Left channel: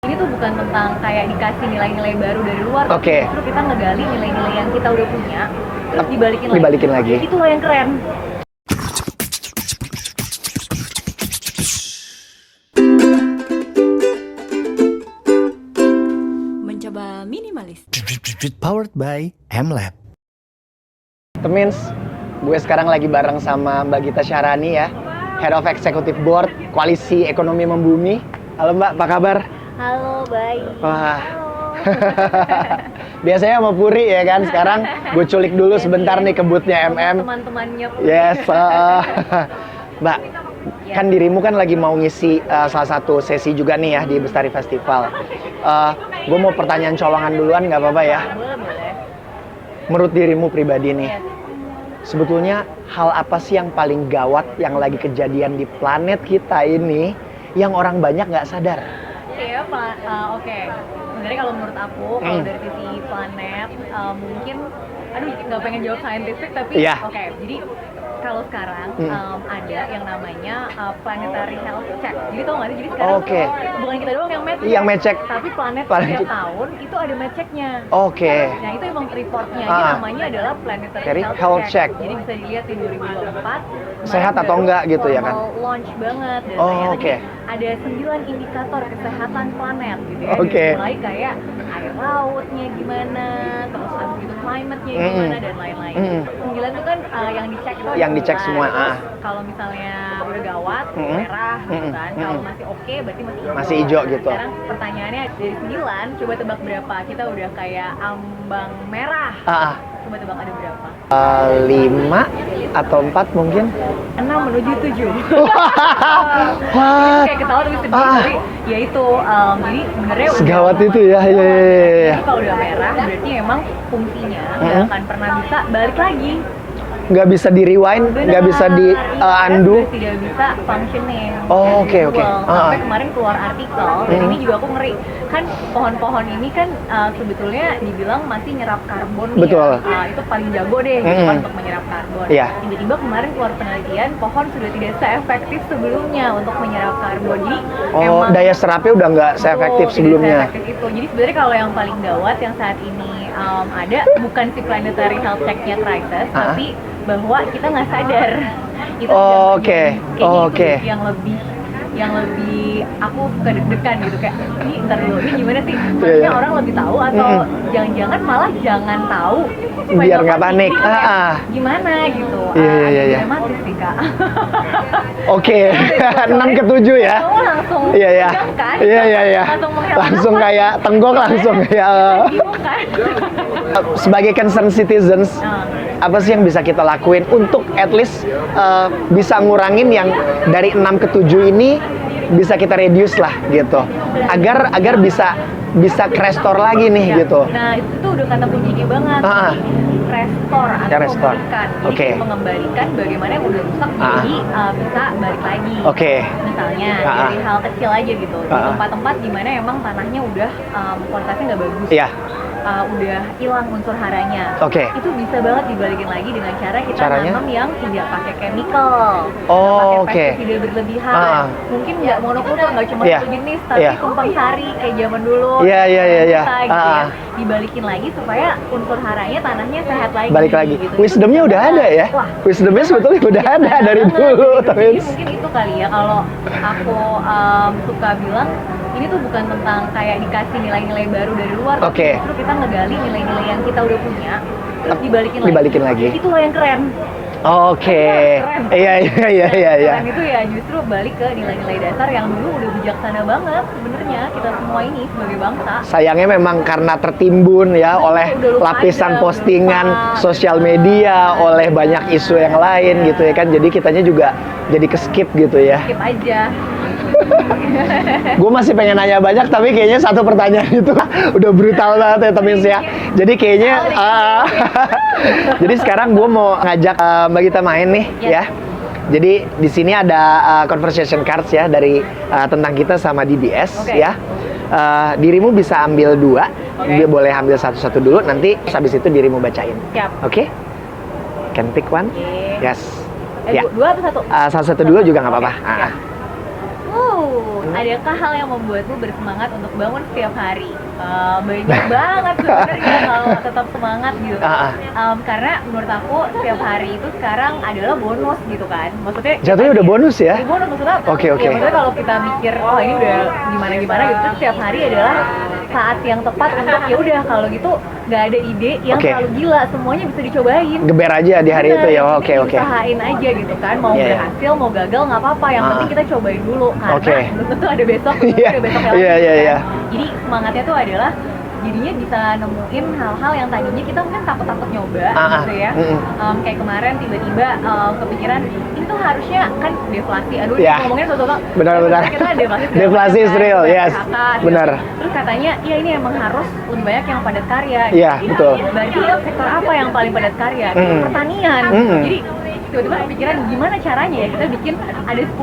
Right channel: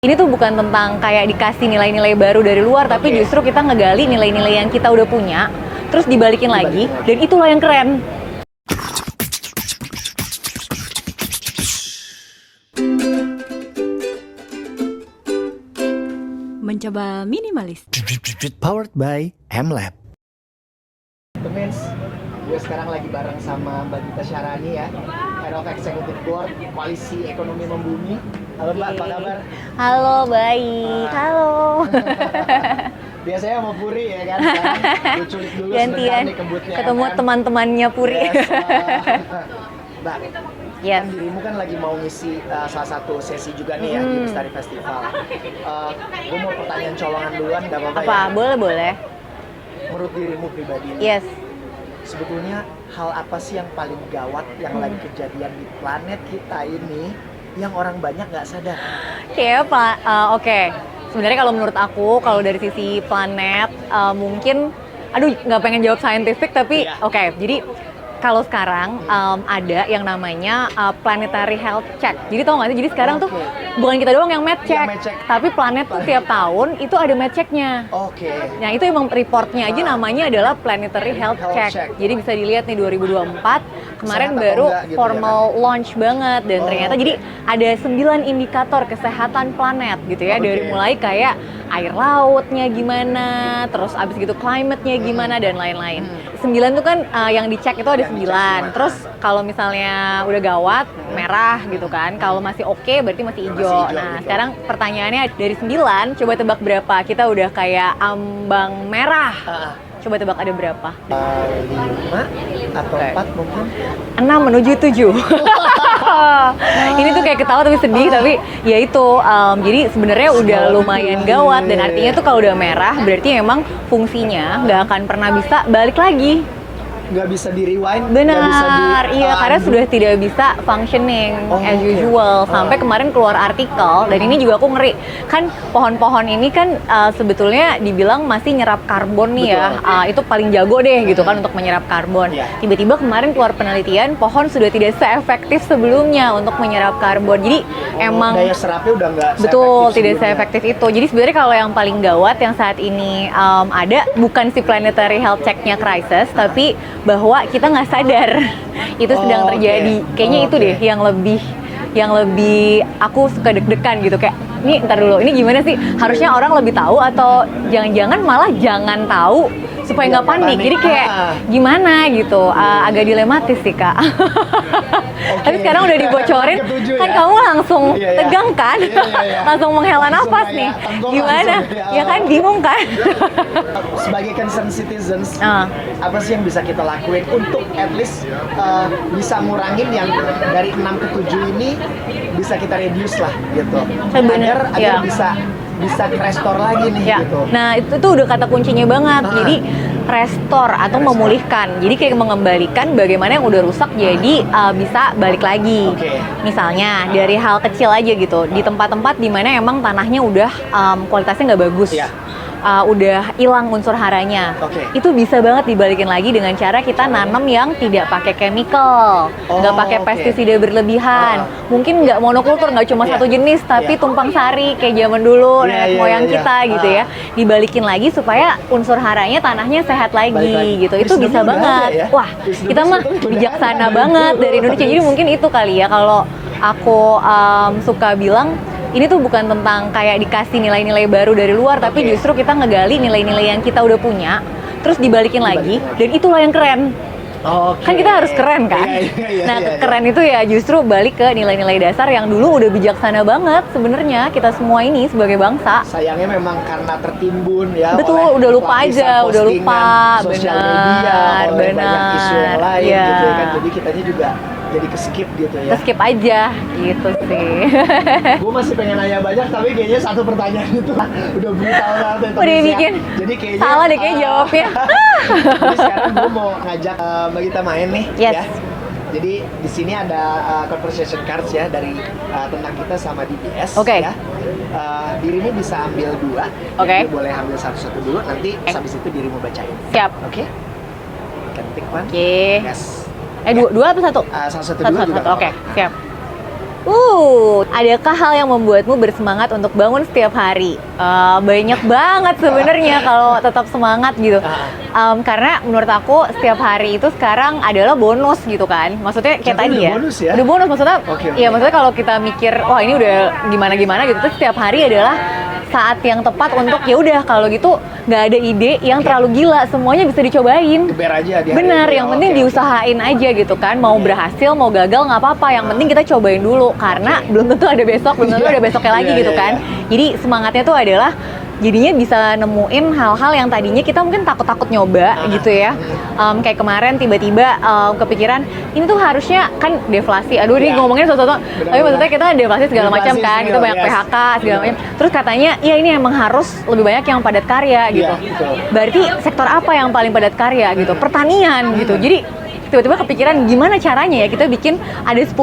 Ini tuh bukan tentang kayak dikasih nilai-nilai baru dari luar, tapi justru kita ngegali nilai-nilai yang kita udah punya, terus dibalikin lagi, dan itulah yang keren. Mencoba minimalis. Powered by MLab. Temins, gue sekarang lagi bareng sama Mbak Gita Syahrani ya, Head of Executive Board Koalisi Ekonomi Membumi. Halo Mbak, apa kabar? Halo, baik. Halo. Biasanya sama Puri ya kan, sekarang gue culik dulu sebentar nih kebutnya MM. Teman-temannya Puri. Yes. Mbak, kan dirimu kan lagi mau ngisi salah satu sesi juga nih ya di Bestari Festival. Gue mau pertanyaan colongan duluan, nggak apa-apa ya? Boleh. Menurut dirimu pribadi nih, Yes. sebetulnya hal apa sih yang paling gawat yang lagi kejadian di planet kita ini yang orang banyak nggak sadar? Oke. Sebenarnya kalau menurut aku, kalau dari sisi planet, mungkin, nggak pengen jawab scientific, tapi oke. Jadi kalau sekarang ada yang namanya planetary health check. Jadi tau nggak sih? Jadi sekarang tuh bukan kita doang yang med check, tapi planet tuh tiap tahun itu ada med checknya. Nah itu emang reportnya aja namanya adalah planetary health check. Jadi bisa dilihat nih 2024 kemarin baru gitu, formal ya kan? launch banget dan ternyata jadi ada 9 indikator kesehatan planet gitu ya. Dari mulai kayak air lautnya gimana, terus abis gitu climate-nya gimana dan lain-lain. 9 tuh kan yang dicek itu ada 9. Terus kalau misalnya udah gawat, merah gitu kan. Kalau masih oke berarti masih hijau. Masih hijau gitu. Sekarang pertanyaannya dari 9, coba tebak berapa? Kita udah kayak ambang merah. Coba tebak ada berapa? 5 atau 4 mungkin? 6 menuju 7. Ini tuh kayak ketawa tapi sedih, tapi ya itu. Jadi sebenarnya udah lumayan gawat. Dan artinya tuh kalau udah merah berarti emang fungsinya nggak akan pernah bisa balik lagi. Nggak bisa di rewind, nggak bisa di karena sudah tidak bisa functioning as usual. Sampai kemarin keluar artikel, dan ini juga aku ngeri. Kan pohon-pohon ini kan sebetulnya dibilang masih nyerap karbon nih ya. Itu paling jago deh gitu kan untuk menyerap karbon. Tiba-tiba kemarin keluar penelitian, pohon sudah tidak seefektif sebelumnya untuk menyerap karbon. Jadi emang daya serapnya udah nggak seefektif sebelumnya. Tidak seefektif itu. Jadi sebenarnya kalau yang paling gawat yang saat ini ada bukan si planetary health check-nya crisis, tapi bahwa kita nggak sadar itu sedang terjadi. Kayaknya itu deh yang lebih aku suka deg-degan gitu, kayak ini ntar dulu, ini gimana sih? Harusnya orang lebih tahu atau jangan-jangan malah jangan tahu supaya nggak panik. Jadi kayak gimana gitu, agak dilematis sih Kak. Tapi sekarang udah dibocorin, kan kamu langsung tegang kan? Langsung menghela nafas nih. Kayak tenggok langsung ya kan, bingung kan? Sebagai concerned citizens, apa sih yang bisa kita lakuin untuk at least bisa ngurangin yang dari 6 ke 7 ini bisa kita reduce lah gitu, agar bisa restore lagi nih gitu. Nah itu tuh udah kata kuncinya banget. Jadi restore atau memulihkan. Jadi kayak mengembalikan bagaimana yang udah rusak jadi bisa balik lagi. Misalnya dari hal kecil aja gitu, di tempat-tempat dimana emang tanahnya udah kualitasnya nggak bagus. Udah hilang unsur haranya. Itu bisa banget dibalikin lagi dengan cara kita nanam yang tidak pakai chemical, nggak pakai pestisida berlebihan. Mungkin nggak monokultur, nggak cuma satu jenis, tapi tumpang sari kayak zaman dulu moyang kita gitu ya. Dibalikin lagi supaya unsur haranya tanahnya sehat lagi gitu. Itu bisa banget. Wah, kita mah bijaksana banget dari Indonesia. Jadi mungkin itu kali ya kalau aku suka bilang, ini tuh bukan tentang kayak dikasih nilai-nilai baru dari luar, tapi justru kita ngegali nilai-nilai yang kita udah punya, terus dibalikin lagi. Dan itulah yang keren. Kan kita harus keren kan? Keren itu ya justru balik ke nilai-nilai dasar yang dulu udah bijaksana banget sebenarnya kita semua ini sebagai bangsa. Sayangnya memang karena tertimbun ya oleh lapisan postingan sosial media, oleh banyak isu yang lain gitu ya kan. Jadi kitanya juga jadi ke-skip gitu ya. Skip aja gitu sih. Gue masih pengen nanya banyak, tapi kayaknya satu pertanyaan itu udah brutal banget ya temen ya. Jadi kayaknya salah deh kayaknya jawabnya. Jadi sekarang gue mau ngajak Mbak Gita main nih ya. Jadi di sini ada conversation cards ya dari tentang kita sama DBS ya. Dirimu bisa ambil 2, dia boleh ambil satu-satu dulu, nanti habis itu dirimu bacain. Siap. Can pick one? Yes. 2 atau 1? Satu-satu dulu juga nggak apa-apa. Siap. Adakah hal yang membuatmu bersemangat untuk bangun setiap hari? Banyak banget sebenarnya kalau tetap semangat gitu. Karena menurut aku setiap hari itu sekarang adalah bonus gitu kan. Maksudnya kayak Jatuhnya tadi udah bonus ya? Udah bonus maksudnya. Oke. Ya maksudnya kalau kita mikir, oh ini udah gimana-gimana gitu, terus setiap hari adalah saat yang tepat untuk ya udah kalau gitu nggak ada ide yang terlalu gila, semuanya bisa dicobain. Geber aja di hari Bener, itu ya. yang penting diusahain aja gitu kan. Mau berhasil, mau gagal nggak apa-apa. Yang penting kita cobain dulu karena belum tentu ada besok, belum tentu ada besoknya lagi gitu kan. Jadi semangatnya tuh adalah jadinya bisa nemuin hal-hal yang tadinya kita mungkin takut-takut nyoba gitu ya. Kayak kemarin tiba-tiba kepikiran ini tuh harusnya kan deflasi. Aduh ini ngomongnya sesuatu. Tapi maksudnya kita deflasi segala macam kan. Kita banyak PHK segala macam. Terus katanya ya ini emang harus lebih banyak yang padat karya gitu. Berarti sektor apa yang paling padat karya gitu? Pertanian gitu. Jadi tiba-tiba kepikiran gimana caranya ya kita bikin ada 10,5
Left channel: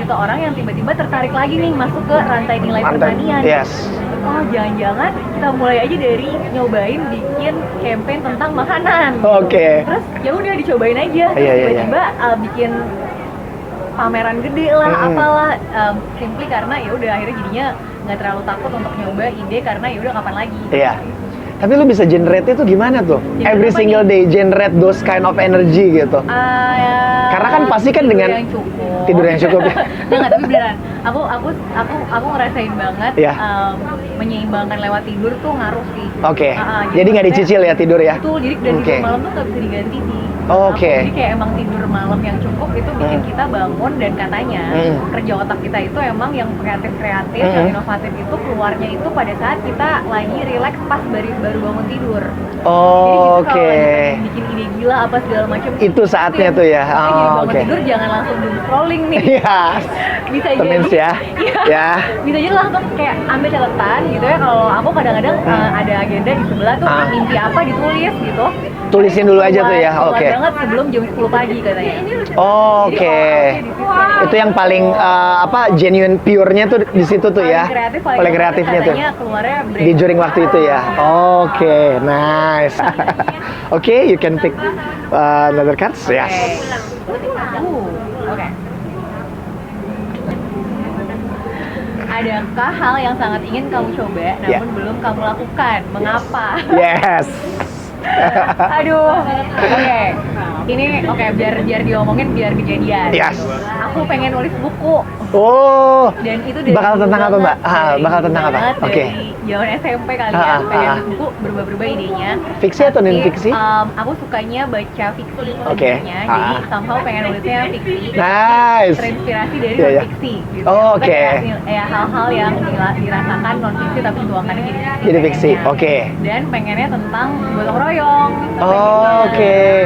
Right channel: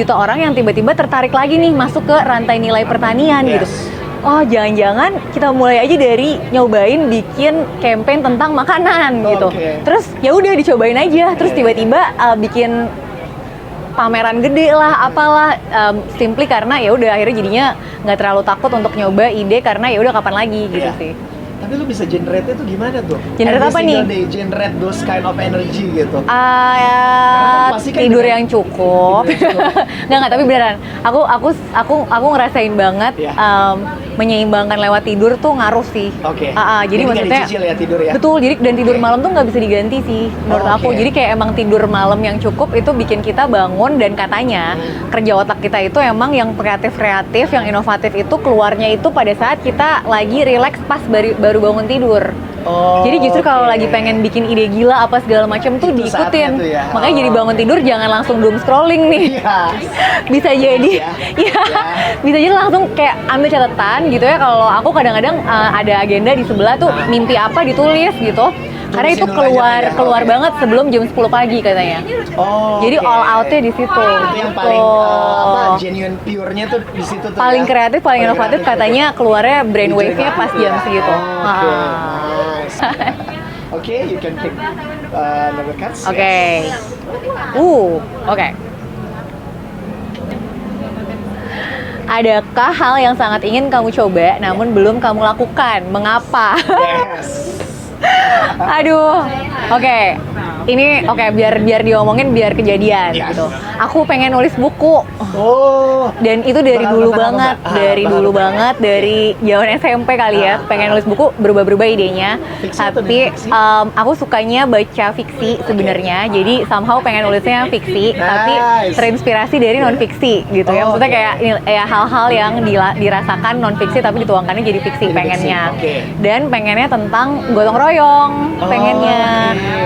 juta orang yang tiba-tiba tertarik lagi nih masuk ke rantai nilai pertanian gitu. Oh jangan-jangan kita mulai aja dari nyobain bikin campaign tentang makanan gitu. Terus ya udah dicobain aja. Terus tiba-tiba bikin pameran gede lah, apalah, simply karena ya udah akhirnya jadinya nggak terlalu takut untuk nyoba ide karena ya udah kapan lagi gitu sih. Tapi lo bisa generate itu gimana tuh? Generate Every apa single nih? day generate those kind of energy gitu. Karena kan pasti kan tidur dengan yang cukup. Tidur yang cukup. Nggak, tapi beneran. Aku ngerasain banget menyeimbangkan lewat tidur tuh ngaruh sih. Jadi nggak dicicil ya tidur ya? Betul. Jadi dan tidur malam tuh nggak bisa diganti sih menurut aku. Jadi kayak emang tidur malam yang cukup itu bikin kita bangun dan katanya kerja otak kita itu emang yang kreatif, yang inovatif itu keluarnya itu pada saat kita lagi relax pas baru bangun tidur. Jadi justru kalau lagi pengen bikin ide gila apa segala macam tuh itu saatnya tuh ya. Makanya jadi bangun tidur jangan langsung doom scrolling nih. Bisa jadi bisa jadi langsung kayak ambil catatan gitu ya. Kalau aku kadang-kadang ada agenda di sebelah tuh mimpi apa ditulis gitu. Karena itu keluar banget sebelum jam 10 pagi katanya. Jadi all out-nya di situ. Itu yang paling genuine pure-nya tuh di situ tuh paling ya. Kreatif, paling inovatif katanya keluarnya brainwave-nya pas jam segitu. Nice. You can pick another cards. Adakah hal yang sangat ingin kamu coba namun belum kamu lakukan? Mengapa? Aduh. Ini biar diomongin biar kejadian gitu. Aku pengen nulis buku. Dan itu dari dulu banget, dari zaman SMP kali ya. Pengen nulis buku, berubah-berubah idenya. Fiksi atau non-fiksi? Aku sukanya baca fiksi sebenarnya. Jadi somehow pengen nulisnya fiksi, tapi terinspirasi dari non-fiksi gitu. Maksudnya kayak ya hal-hal yang dirasakan non-fiksi tapi dituangkannya jadi fiksi pengennya. Dan pengennya tentang gotong royong, pengennya.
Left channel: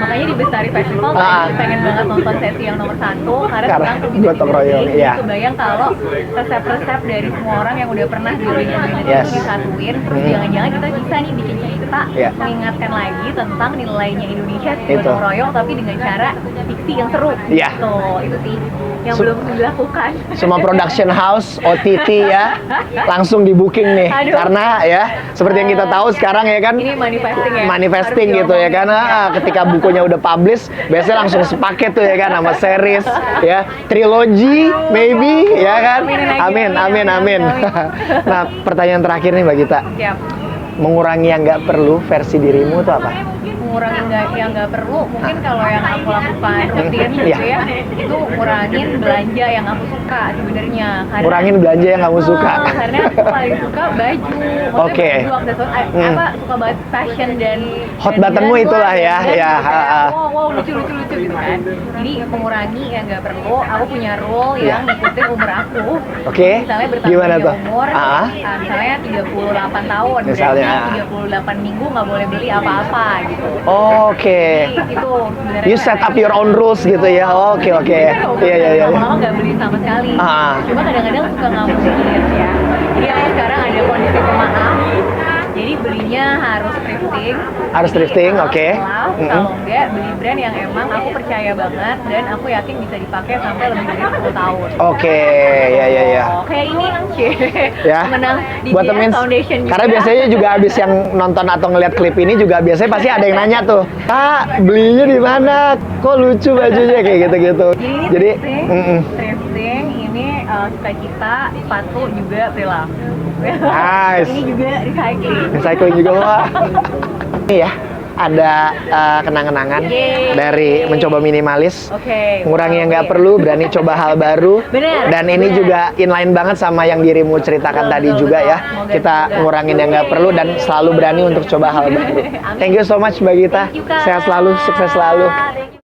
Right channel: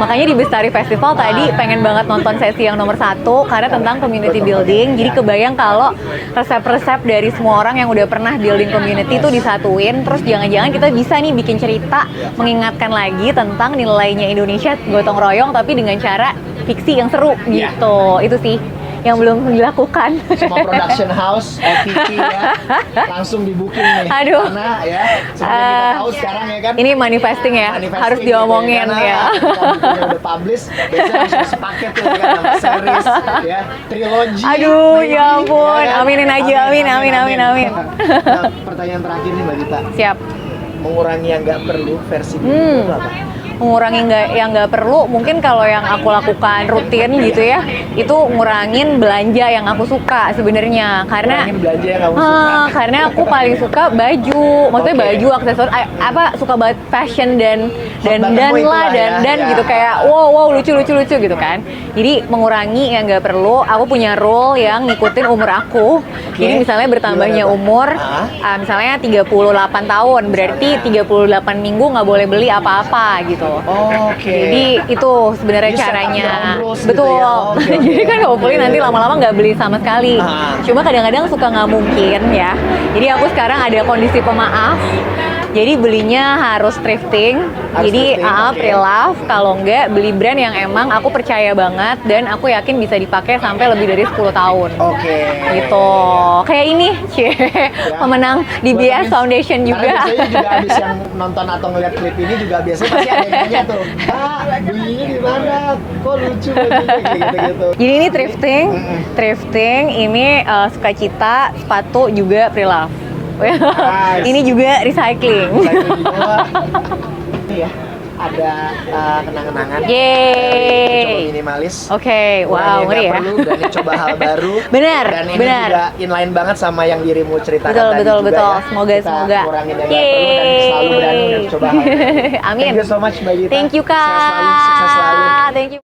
Makanya di Bestari Festival tadi pengen banget nonton sesi yang nomor 1 karena tentang community building. Jadi kebayang kalau resep-resep dari semua orang yang udah pernah building community itu disatuin. Terus jangan-jangan kita bisa nih bikin cerita mengingatkan lagi tentang nilainya Indonesia gotong royong tapi dengan cara fiksi yang seru gitu. Itu sih yang belum dilakukan. Semua production house, OTT ya, langsung di booking nih. Karena ya, seperti yang kita tahu sekarang ya kan. Ini manifesting ya. Manifesting gitu ya, karena ketika bukunya udah publish, biasanya langsung sepaket tuh ya kan, sama series, ya, trilogy, baby, ya kan. Aminin aja, amin. Nah, pertanyaan terakhir nih Mbak Gita. Siap. Mengurangi yang nggak perlu versi dirimu itu apa? Mengurangi yang nggak perlu, mungkin kalau yang aku lakukan rutin gitu ya, itu ngurangin belanja yang aku suka sebenarnya. Karena ngurangin belanja yang kamu suka. Karena aku paling suka baju, maksudnya baju, aksesoris, suka banget fashion dan gitu kayak wow lucu gitu kan. Jadi mengurangi yang nggak perlu. Aku punya rule yang ngikutin umur aku. Jadi misalnya bertambahnya umur, misalnya 38 tahun, berarti 38 minggu nggak boleh beli apa-apa gitu. Jadi itu sebenarnya caranya. Set up your own rules gitu ya. Jadi kan hopefully nanti lama-lama nggak beli sama sekali. Cuma kadang-kadang suka nggak mungkin ya. Jadi aku sekarang ada kondisi pemaaf. Jadi belinya harus thrifting. Harus Jadi thrifting, oke. pre-love. Kalau enggak beli brand yang emang aku percaya banget dan aku yakin bisa dipakai sampai lebih dari 10 tahun. Oke, Gitu. ya. Kayak ini, Ya. pemenang Buat DBS temen- Foundation juga. Karena biasanya juga habis yang nonton atau ngeliat klip ini juga biasanya pasti ada yang nanya tuh, Pak, belinya di mana? Kok lucu bajunya kayak gitu-gitu. Jadi ini thrifting, mm-mm. thrifting ini sukacita, sepatu juga pre-love. Nice. Ini juga recycling. Recycle juga wah. Ini ya, ada kenang-kenangan Yeay. dari mencoba minimalis. Oke, Ngurangi yang nggak ngeri ya. perlu, berani coba hal baru. Bener, Dan ini bener. juga inline banget sama yang dirimu ceritakan Betul, tadi betul, juga betul. ya. Semoga, Kita semoga. ngurangin yang nggak perlu dan selalu berani untuk coba hal baru. Amin. Thank you so much Mbak Gita. Thank you, Kak. Sehat selalu, sukses selalu. Thank you.